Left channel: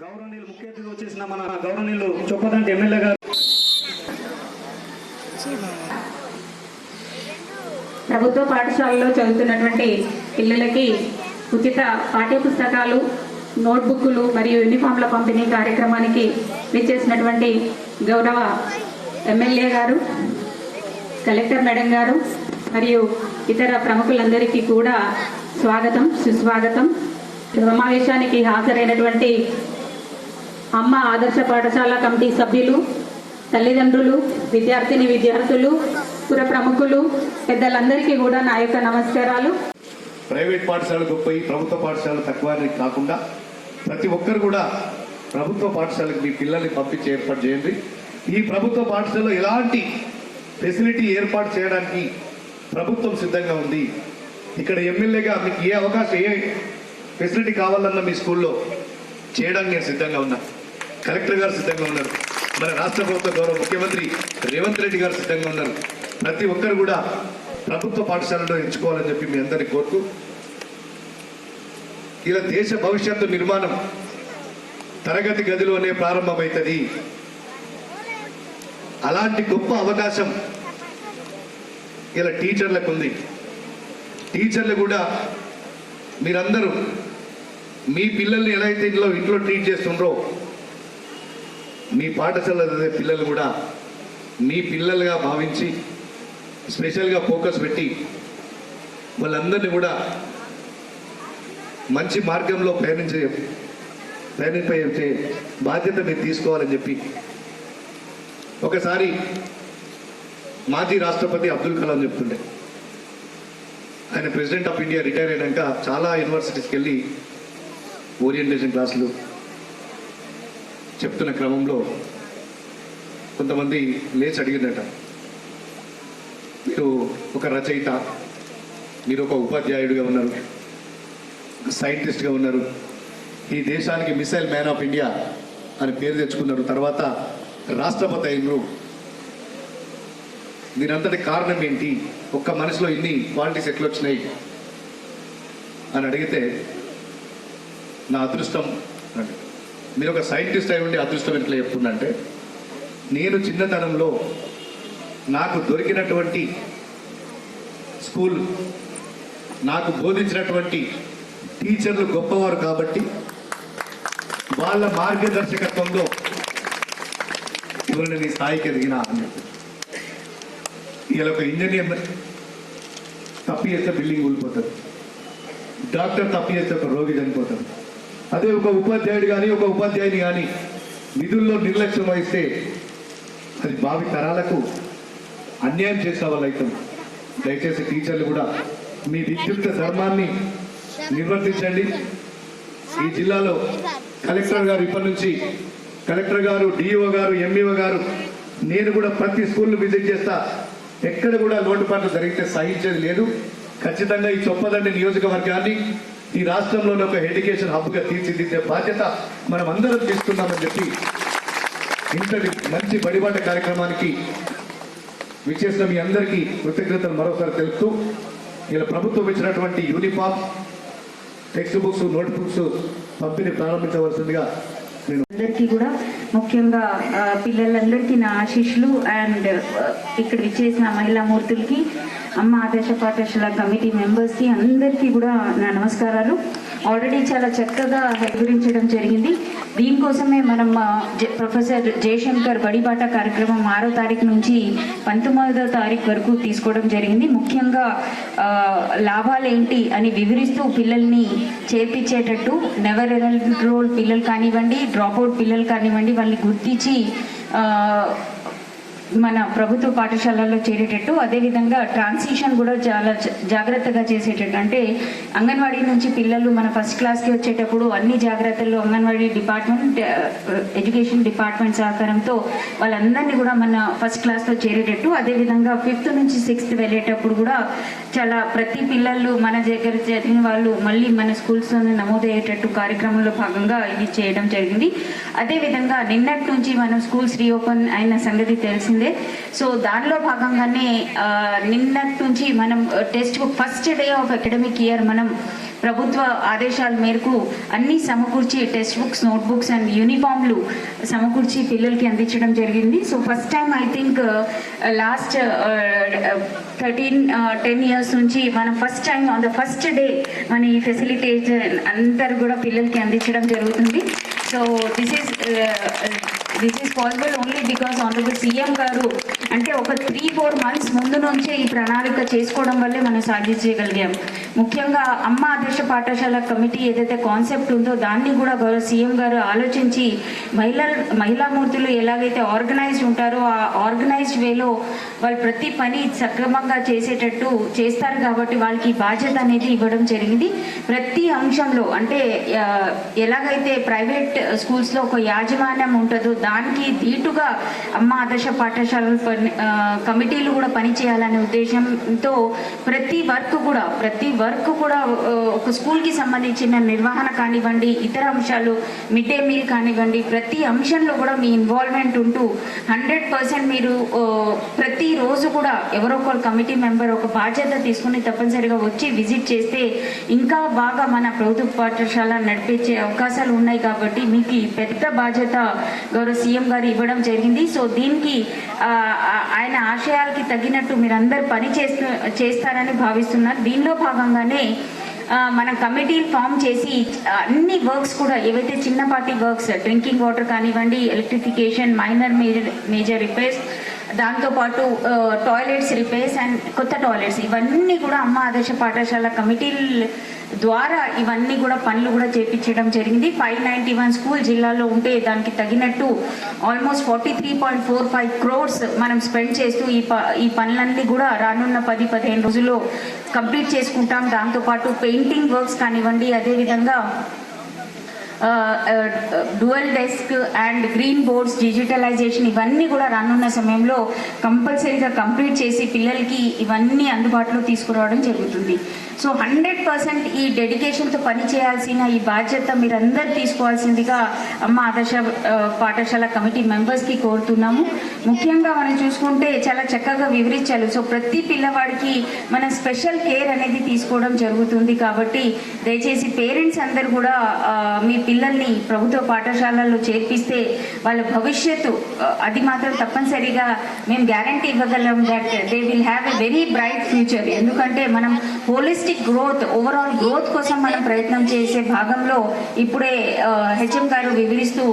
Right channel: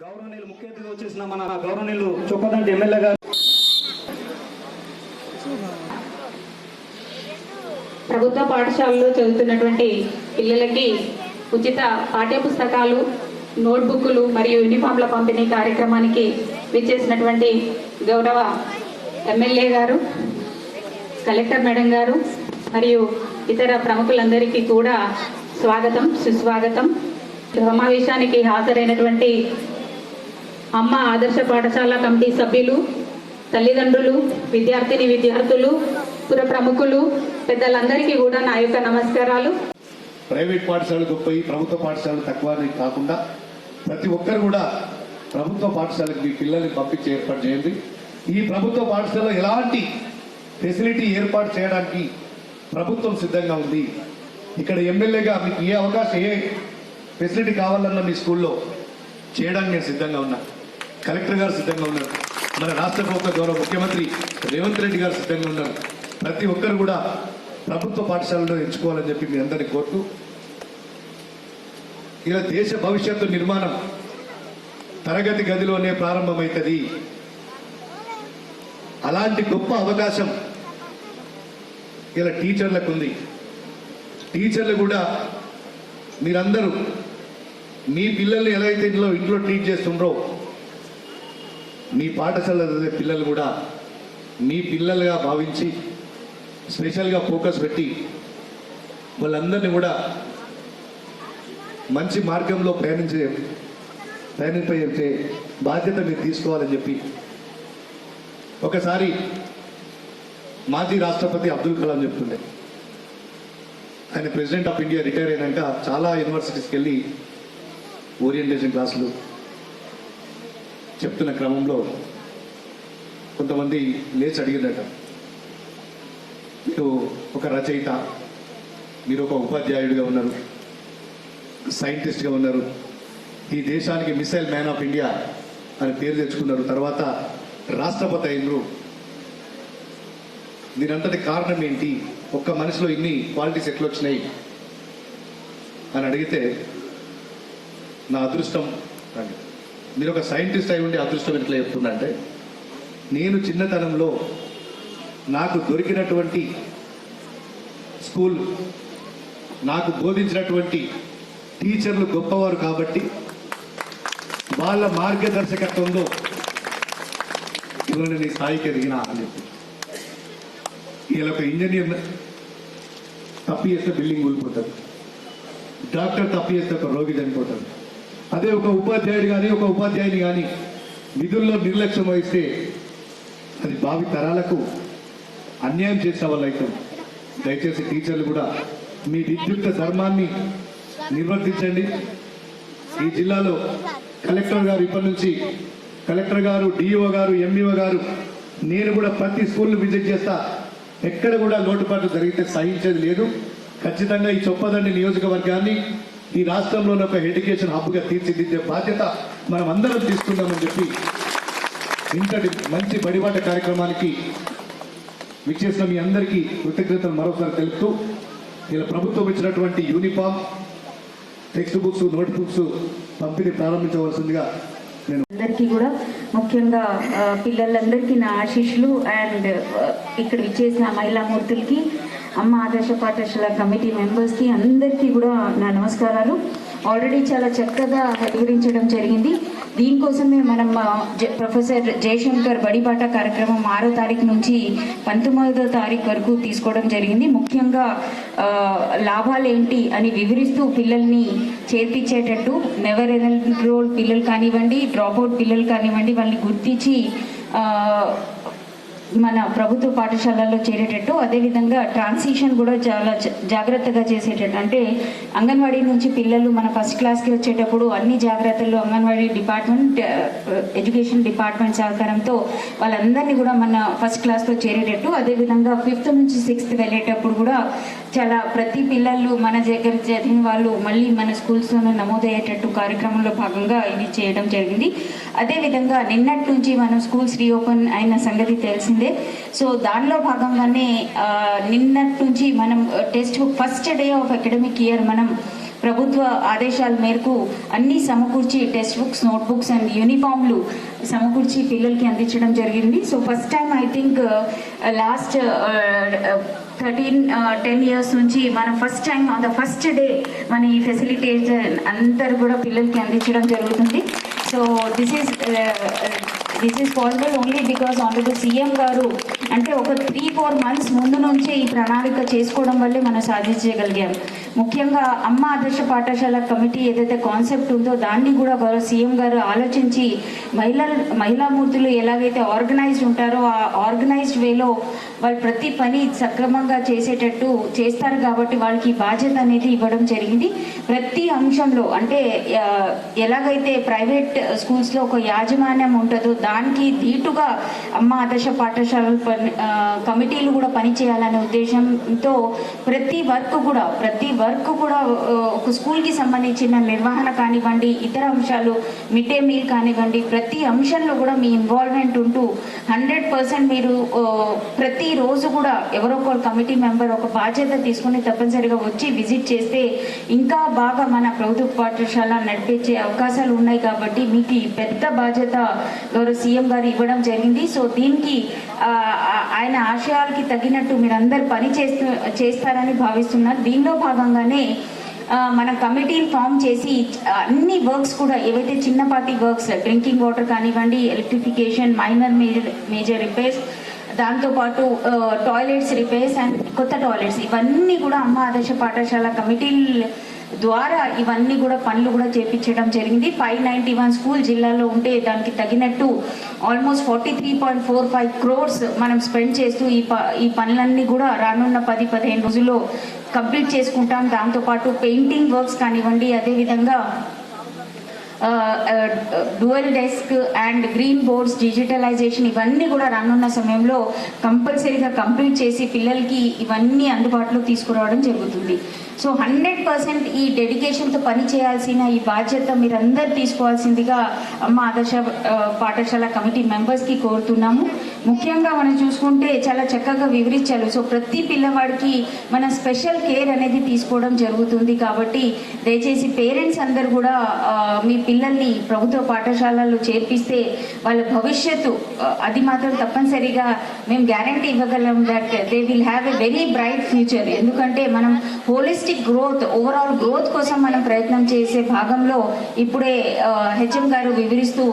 గౌరవనీయులు ముఖ్య అతిథిగా వచ్చేసిన మన గౌరవనీయులు చొప్పదండి ఎమ్మెల్యే గారు, ప్రభుత్వ పాఠశాలలో చదువుతున్నటువంటి పిల్లలకి ఉచిత పాఠ్య పుస్తకాలు, నోట్బుక్లు మరియు యూనిఫామ్ల పంపిణీ కార్యక్రమానికి విచ్చేసినటువంటి గౌరవ ఎమ్మెల్యే గారు, కలెక్టర్ మేడం గారు మరియు ఇతర ప్రముఖులందరికీ కూడా స్వాగతం, సుస్వాగతం. సమావేశానికి హాజరైనటువంటి అమ్మ ఆదర్శ పాఠశాల కమిటీ సభ్యులు, తల్లిదండ్రులు, విద్యార్థులు, పుర ప్రముఖులు, పెద్దలందరికీ కూడా నా యొక్క నమస్కారాలు. ప్రైవేట్ పాఠశాలలు గొప్పవి, ప్రభుత్వ పాఠశాలలు తక్కువ అని కాకుండా ప్రతి ఒక్కరు కూడా ప్రభుత్వ పాఠశాలకు మీ పిల్లల్ని పంపించి ఏర్పాటు చేయండి. ఈ ప్రభుత్వ పాఠశాలలో ఎలాంటి ఫెసిలిటీ ఏర్పాటు చేయడానికి ప్రభుత్వం సిద్ధంగా ఉంది. ఇక్కడ ఎమ్మెల్యేగా మీకు ఏ అవకాశం, ఏ ఫెసిలిటీ కావాలన్నా మీ స్కూల్లో చేయడానికి నేను సిద్ధంగా ఉన్నా. కలెక్టర్ గారు సిద్ధంగా ఉన్నారు, మన రాష్ట్ర ప్రభుత్వ గౌరవ ముఖ్యమంత్రి రేవంత్ రెడ్డి గారు సిద్ధంగా ఉన్నారు. ప్రతి ఒక్కరు కూడా ప్రభుత్వ పాఠశాలలో ఎంచుకోవాలని చెప్పి మీ అందరినీ కోరుతూ, ఇలా దేశ భవిష్యత్తు నిర్మాణం తరగతి గదిలోనే ప్రారంభమవుతుంది. అలాంటి గొప్ప అవకాశం ఇలా టీచర్లకు ఉంది. టీచర్లు కూడా మీరందరూ మీ పిల్లల్ని ఎలా అయితే ఇంట్లో ట్రీట్ చేస్తుండ్రో, మీ పాఠశాల పిల్లలు కూడా మీ పిల్లలుగా భావించి స్పెషల్గా ఫోకస్ పెట్టి వాళ్ళందరినీ కూడా మంచి మార్గంలో ప్రయాణింపే బాధ్యత మీరు తీసుకోవాలని చెప్పి ఒకసారి మాజీ రాష్ట్రపతి అబ్దుల్ కలాం చెప్తుండే, ఆయన ప్రెసిడెంట్ ఆఫ్ ఇండియా రిటైర్ అయినాక చాలా యూనివర్సిటీస్కి వెళ్ళి ఓరియంటేషన్ క్లాసులు చెప్తున్న క్రమంలో కొంతమంది లేచి అడిగిందట, మీరు ఒక రచయిత, మీరు ఒక ఉపాధ్యాయుడిగా ఉన్నారు, సైంటిస్ట్గా ఉన్నారు, ఈ దేశానికి మిసైల్ మ్యాన్ ఆఫ్ ఇండియా అని పేరు తెచ్చుకున్నారు, తర్వాత రాష్ట్రపతి అయ్యారు, దీనంతటి కారణం ఏంటి, ఒక్క మనిషిలో ఇన్ని క్వాలిటీస్ ఎట్లా వచ్చినాయి అని అడిగితే, నా అదృష్టం అండి, మీరు ఒక సైంటిస్ట్ అయి ఉండి అదృష్టం ఎట్లా చెప్తుందంటే, నేను చిన్నతనంలో నాకు దొరికినటువంటి స్కూల్, నాకు బోధించినటువంటి టీచర్లు గొప్పవారు కాబట్టి వాళ్ళ మార్గదర్శకత్వంలో ఇవాళ నీ స్థాయికి ఎదిగిన అని చెప్పి. ఇలా ఒక ఇంజనీర్ తప్పి చేస్తే బిల్డింగ్ కూలిపోతుంది, డాక్టర్ తప్పి చేస్తే ఒక రోగి చనిపోతాడు. అదే ఒక ఉపాధ్యాయుడు కానీ ఒక ఉపాధ్యాయుని కానీ విధుల్లో నిర్లక్ష్యం వహిస్తే అది భావి తరాలకు అన్యాయం చేసిన వాళ్ళు అవుతాం. దయచేసి టీచర్లు కూడా మీ విద్యుత్ ధర్మాన్ని నిర్వర్తించండి. ఈ జిల్లాలో కలెక్టర్ గారు ఇప్పటి నుంచి, కలెక్టర్ గారు, డిఓ గారు, ఎంఈఓ గారు, నేను కూడా ప్రతి స్కూల్ను విజిట్ చేస్తా. ఎక్కడ కూడా లోటుపాట్లు జరిగితే సహించేది లేదు. ఖచ్చితంగా ఈ చొప్పదండి నియోజకవర్గాన్ని ఈ రాష్ట్రంలోని ఒక ఎడ్యుకేషన్ హబ్గా తీర్చిదిద్దే బాధ్యత మనం అందరం తీసుకున్నామని చెప్పి ఇంతటి మంచి బడిబాట కార్యక్రమానికి విచ్చేసిన మీ అందరికీ కృతజ్ఞతలు మరొకరు తెలుపుతూ, ఇలా ప్రభుత్వం ఇచ్చినటువంటి uniform, text books, note books పంపిణీ ప్రారంభించవలసిందిగా నేను అందరికీ కూడా, ముఖ్యంగా పిల్లలందరికీ నా ఆశీస్సులు. అండ్ ఇక్కడ విచ్చేసిన మహిళామూర్తులకి, అమ్మ ఆదర్శ పాఠశాల కమిటీ మెంబర్స్కి అందరికీ కూడా నా నమస్కారాలు. ఆల్రెడీ చాలా చక్కగా వివరించడం జరిగింది. దీనికోసమే మనం ప్రొఫెసర్ జయశంకర్ బడిబాట కార్యక్రమం 6వ తారీఖు నుంచి 19వ తారీఖు వరకు తీసుకోవడం జరిగింది. ముఖ్యంగా లాభాలు ఏంటి అని వివరిస్తూ పిల్లల్ని చేర్పించేటట్టు, నెవర్ ఎన్రోల్ పిల్లలు కానివ్వండి, డ్రాప్అవుట్ పిల్లలు కానివ్వండి, వాళ్ళని గుర్తించి మన ప్రభుత్వ పాఠశాలల్లో చేరేటట్టు, అదేవిధంగా ట్రాన్సిషన్ కూడా చాలా జాగ్రత్తగా చేసేటట్టు. అంటే అంగన్వాడీ నుంచి పిల్లలు మన ఫస్ట్ క్లాస్కి వచ్చేటప్పుడు అన్ని జాగ్రత్తలు అంగన్వాడీ డిపార్ట్మెంట్, ఎడ్యుకేషన్ డిపార్ట్మెంట్ సహకారంతో వాళ్ళందరినీ కూడా మన ఫస్ట్ క్లాస్లో చేరేటట్టు, అదేవిధంగా 5th నుంచి 6th వెళ్ళేటప్పుడు కూడా చాలా ప్రతి పిల్లలు మన దగ్గర చదివిన వాళ్ళు మళ్ళీ మన స్కూల్స్లోనే నమోదయ్యేటట్టు కార్యక్రమంలో భాగంగా ఇది చేయడం జరిగింది. అదేవిధంగా నిన్నటి నుంచి మనం స్కూల్స్ రీఓపెన్ అయిన సంగతి తెలిసిందే. సో దానిలో భాగంగానే నిన్నటి నుంచి మనం text book first day of academic year మనం ప్రభుత్వ ఆదేశాల మేరకు అన్ని సమకూర్చి text books, note books and యూనిఫామ్లు సమకూర్చి పిల్లలకి అందించడం జరిగింది. So first time I think last 10 years నుంచి మనం first time on the first day మన ఈ ఫెసిలిటేషన్ అందరు కూడా పిల్లలకి అందించడం జరుగుతుంది. So this is possible only because honourable CM garu అంటే ఒక 3-4 months ముందు నుంచే ఈ ప్రణాళిక చేసుకోవడం వల్లే మనం సాధించగలిగాం. ముఖ్యంగా అమ్మ ఆదర్శ పాఠశాల కమిటీ ఏదైతే కాన్సెప్ట్ ఉందో దాన్ని కూడా గౌరవ సీఎం గారు ఆలోచించి మహిళామూర్తులు ఎలాగైతే ఆర్గనైజ్డ్ ఉంటారో ఆ ఆర్గనైజ్డ్ వేలో వాళ్ళు ప్రతి పని సక్రమంగా చేసేటట్టు చేస్తారు కాబట్టి వాళ్ళకి బాధ్యత అనేది ఇవ్వడం జరిగింది. ప్రతి అంశంలో అంటే ఎలాగైతే ప్రైవేట్ స్కూల్స్లో ఒక యాజమాన్యం ఉంటుందో దానికి ధీటుగా అమ్మ ఆదర్శ పాఠశాలల కమిటీలు కూడా పనిచేయాలనే ఉద్దేశంతో ప్రతి వర్క్ కూడా ఒక స్కూల్కి సంబంధించిన నిర్వహణ కానివ్వండి, ఇతర అంశాలు మిడ్ డే మీల్ కానివ్వండి, ప్రతి అంశంలో కూడా మీ ఇన్వాల్వ్మెంట్ ఉంటూ 100% మీరు ప్రతిరోజు కూడా ఎవరో ఒక కమిటీ మెంబర్ ఒక బాధ్యత తీసుకుని తప్పనిసరిగా వచ్చి విజిట్ చేస్తే ఇంకా బాగా మన ప్రభుత్వ పాఠశాల నడిపించే అవకాశాలు ఉన్నాయి. కాబట్టి మీకు ఈ పెద్ద బాధ్యత గౌరవ సీఎం గారు ఇవ్వడం జరిగింది. సో దీనికి ఆయన ఆశయాలకి తగినట్టు మీరందరూ పని చేస్తారని భావిస్తున్నారు. దీనిలో భాగంగానే మన కమిటీ ఫామ్ చేసి అన్ని వర్క్స్ కూడా ఏవైతే చిన్నపాటి వర్క్స్ డ్రింకింగ్ వాటర్ కానివ్వండి, ఎలక్ట్రిఫికేషన్, మైనర్ మేజర్ రిపేర్స్, దాంతోపాటు టాయిలెట్స్ రిపేర్స్ అండ్ కొత్త టాయిలెట్స్, ఇవన్నీ కూడా అమ్మ ఆదర్శ పాఠశాల కమిటీల ద్వారా ఇవన్నీ కూడా పనులు కూడా చేపించడం జరిగింది. 591 స్కూల్ జిల్లాలో ఉంటే దానికి తగినట్టు ఆల్మోస్ట్ 43.45 crores మనం స్పెండ్ చేస్తూ ఈ పనులన్నీ కూడా రానున్న 10-15 రోజుల్లో కంప్లీట్ చేసుకుంటాం. దాంతోపాటు పెయింటింగ్ వర్క్స్ కానివ్వండి, అదేవిధంగా dual desk and green boards digitalization, ఇవన్నీ కూడా రానున్న సమయంలో కంపల్సరీగా కంప్లీట్ చేసి పిల్లలకి ఇవన్నీ అందుబాటులో తీసుకురావడం జరుగుతుంది. సో 100% ఈ డెడికేషన్తో పని చేయాల్సిన ఈ బాధ్యత మీరందరూ తీసుకోవాల్సిందిగా అమ్మ ఆదర్శ పాఠశాల కమిటీ మెంబర్స్కి కోరుతున్నాము. ముఖ్యంగా మనం చూసుకుంటే చాలా చక్కగా వివరించారు. సో ప్రతి పిల్లవాడికి మనం స్పెషల్ కేర్ అనేది తీసుకోవడం జరుగుతుంది. కాబట్టి దయచేసి పేరెంట్స్ అందరూ కూడా మీ పిల్లల్ని ప్రభుత్వ పాఠశాలల్లో చేర్పిస్తే వాళ్ళ భవిష్యత్తు అది మాత్రం తప్పనిసరిగా మేము గ్యారంటీ ఇవ్వగలం that they will have a very bright future. ఎందుకంటే మనం హోలిస్టిక్ గ్రోత్, ఓవరాల్ గ్రోత్ కోసం మనం ప్రయత్నం చేసే భాగంలో ఇప్పుడే హెచ్ఎం గారు వివరిస్తూ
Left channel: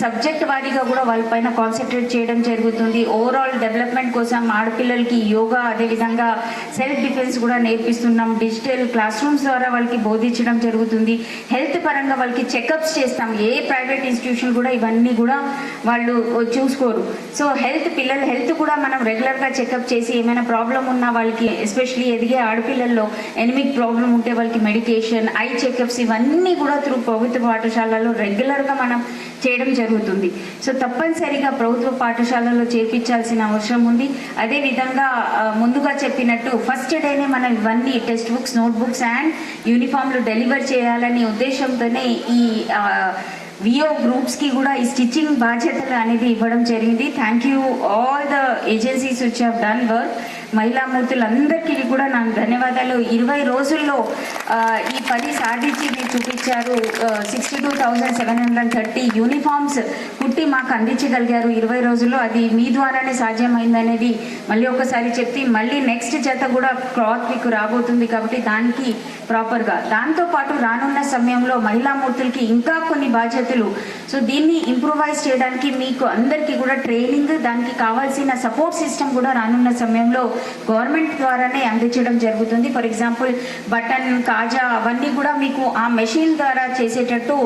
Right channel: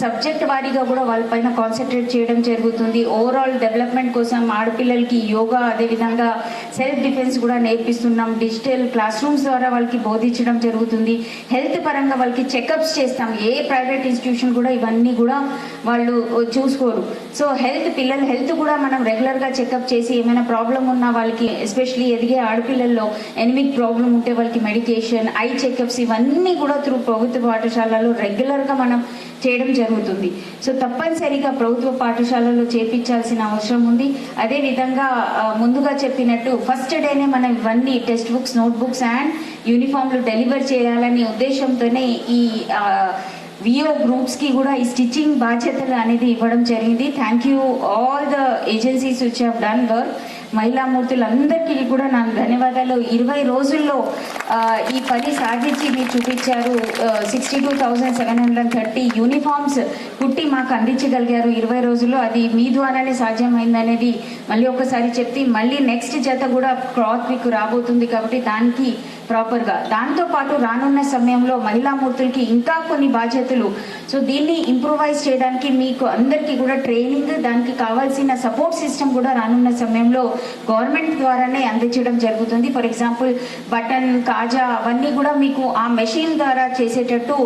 సబ్జెక్ట్ వారీగా కూడా వాళ్ళపైన కాన్సన్ట్రేట్ చేయడం జరుగుతుంది. ఓవరాల్ డెవలప్మెంట్ కోసం ఆడపిల్లలకి యోగా, అదేవిధంగా సెల్ఫ్ డిఫెన్స్ కూడా నేర్పిస్తున్నాం. డిజిటల్ క్లాస్ రూమ్స్ ద్వారా వాళ్ళకి బోధించడం జరుగుతుంది. హెల్త్ పరంగా వాళ్ళకి చెకప్స్ చేస్తాం. ఏ ప్రైవేట్ ఇన్స్టిట్యూషన్ కూడా ఇవన్నీ కూడా వాళ్ళు చూసుకోరు. సో పిల్లల హెల్త్ కూడా మనం రెగ్యులర్గా చెకప్ చేసి ఏమైనా ప్రాబ్లం ఉన్నా వాళ్ళకి, ఎస్పెషలీ ఎదిగే ఆడపిల్లల్లో ఎనిమిక్ ప్రాబ్లం ఉంటే వాళ్ళకి మెడికేషన్, ఐ చెకప్స్, ఇవన్నీ కూడా త్రూ ప్రభుత్వ పాఠశాలలో రెగ్యులర్గా మనం చేయడం జరుగుతుంది. సో తప్పనిసరిగా ప్రభుత్వ పాఠశాలలో చేర్పించాల్సిన అవసరం ఉంది. అదేవిధంగా ముందుగా చెప్పినట్టు ఫస్ట్ డేనే మనం ఇవన్నీ text books, note books and యూనిఫామ్లు డెలివర్ చేయాలనే ఉద్దేశంతోనే ఈ విఓ గ్రూప్స్కి కూడా ఈ స్టిచ్చింగ్ బాధ్యతలు అనేది ఇవ్వడం జరిగింది. Thank you all the agencies which have done work. మహిళామూర్తులందరికీ కూడా నాకు ధన్యవాదాలు. 20 రోజుల్లో ఈ పని సాధించి మీరు చూపించారు. 62,730 యూనిఫామ్స్ కుట్టి మాకు అందించగలిగారు 20 రోజుల్లో. అది మీ ద్వారానే సాధ్యమైందనేది మళ్ళీ ఒకసారి చెప్తే, మళ్ళీ నెక్స్ట్ జత కూడా క్లాత్ మీకు రాబోతుంది కాబట్టి దానికి ప్రాపర్గా. దాంతోపాటు రానున్న సమయంలో మహిళామూర్తులకి ఇంకా కొన్ని బాధ్యతలు, సో దీన్ని ఇంప్రూవైజ్ చేయడానికి మీకు అందరికీ కూడా ట్రైనింగ్, దానికి కావాల్సిన సపోర్ట్ సిస్టమ్ కూడా రానున్న సమయంలో గవర్నమెంట్ ద్వారానే అందించడం జరుగుతుంది. ఫర్ ఎగ్జాంపుల్ బటన్, కాజా అవన్నీ కూడా మీకు ఆ మెషిన్ ద్వారా చేసేటట్టు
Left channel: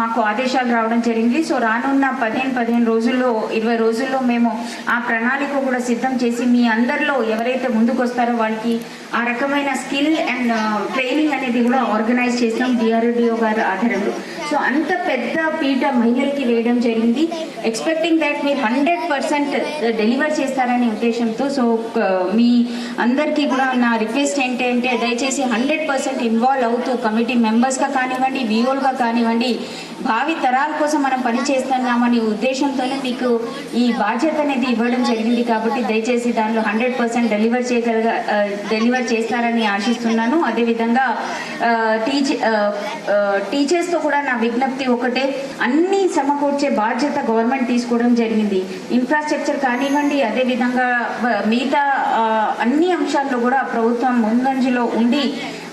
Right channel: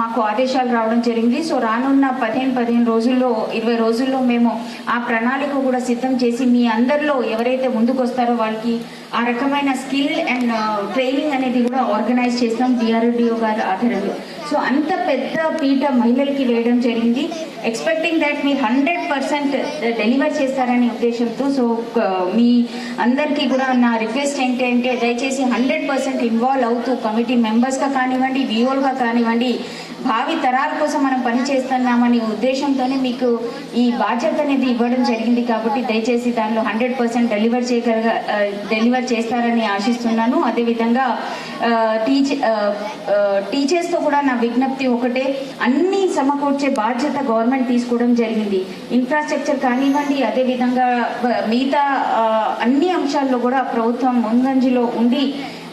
మాకు ఆదేశాలు రావడం జరిగింది. సో రానున్న 15 రోజుల్లో 20 రోజుల్లో మేము ఆ ప్రణాళిక కూడా సిద్ధం చేసి మీ అందరిలో ఎవరైతే ముందుకు వస్తారో వాళ్ళకి ఆ రకమైన స్కిల్ అండ్ ట్రైనింగ్ అనేది కూడా ఆర్గనైజ్ చేస్తాం డిఆర్డిఓ గారి ఆధారంలో. సో అంత పెద్ద పీట మహిళలకి వేయడం జరిగింది. ఎక్స్పెక్టింగ్ దట్ మీరు 100% డెలివర్ చేస్తారనే ఉద్దేశంతో. సో మీ అందరికీ కూడా నా రిక్వెస్ట్ ఏంటంటే దయచేసి 100% ఇన్వాల్వ్ అవుతూ కమిటీ మెంబర్స్గా కానివ్వండి, విఓలుగా కానివ్వండి, భావి తరాల కోసం మనం పని చేస్తున్నామనే ఉద్దేశంతోనే మీకు ఈ బాధ్యత అనేది ఇవ్వడం జరిగింది. కాబట్టి దయచేసి దానిలో 100% డెలివర్ చేస్తారని ఆశిస్తున్నాను. అదేవిధంగా టీచర్స్తో కూడా నా విజ్ఞప్తి ఒకటే, అన్ని సమకూర్చే బాధ్యత గవర్నమెంట్ తీసుకోవడం జరిగింది. ఇన్ఫ్రాస్ట్రక్చర్ కానివ్వండి, అదేవిధంగా మిగతా అన్ని అంశాల్లో కూడా ప్రభుత్వం ముందంజలో ఉండి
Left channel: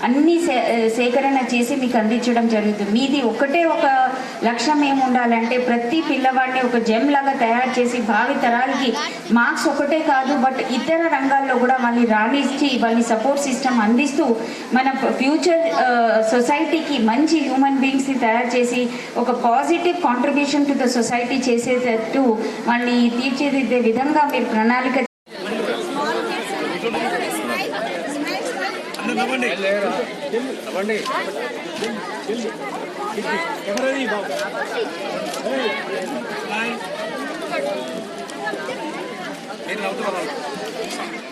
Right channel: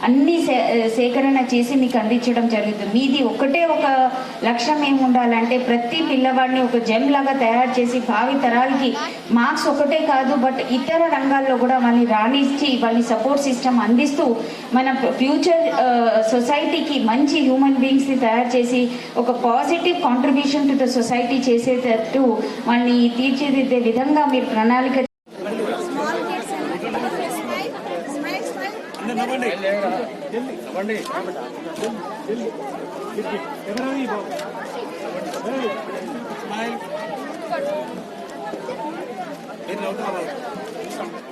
అన్ని సేకరణ చేసి మీకు అందించడం జరుగుతుంది. మీది ఒకటే ఒక లక్ష్యం ఏమి ఉండాలంటే ప్రతి పిల్లవాడిని ఒక జెమ్ లాగా తయారు చేసి భావి తరాలకి మార్క్స్ ఒకటే కాదు బట్ ఇతర రంగాల్లో కూడా వాళ్ళని రాణించి వాళ్ళని సపోర్ట్ సిస్టమ్ అందిస్తూ మన ఫ్యూచర్ సొసైటీకి మంచి హ్యూమన్ బీయింగ్స్ని తయారు చేసి ఒక positive contribution to the society చేసేటట్టు వాళ్ళని తీర్చిదిద్దే విధంగా మీరు ప్రణాళిక నేను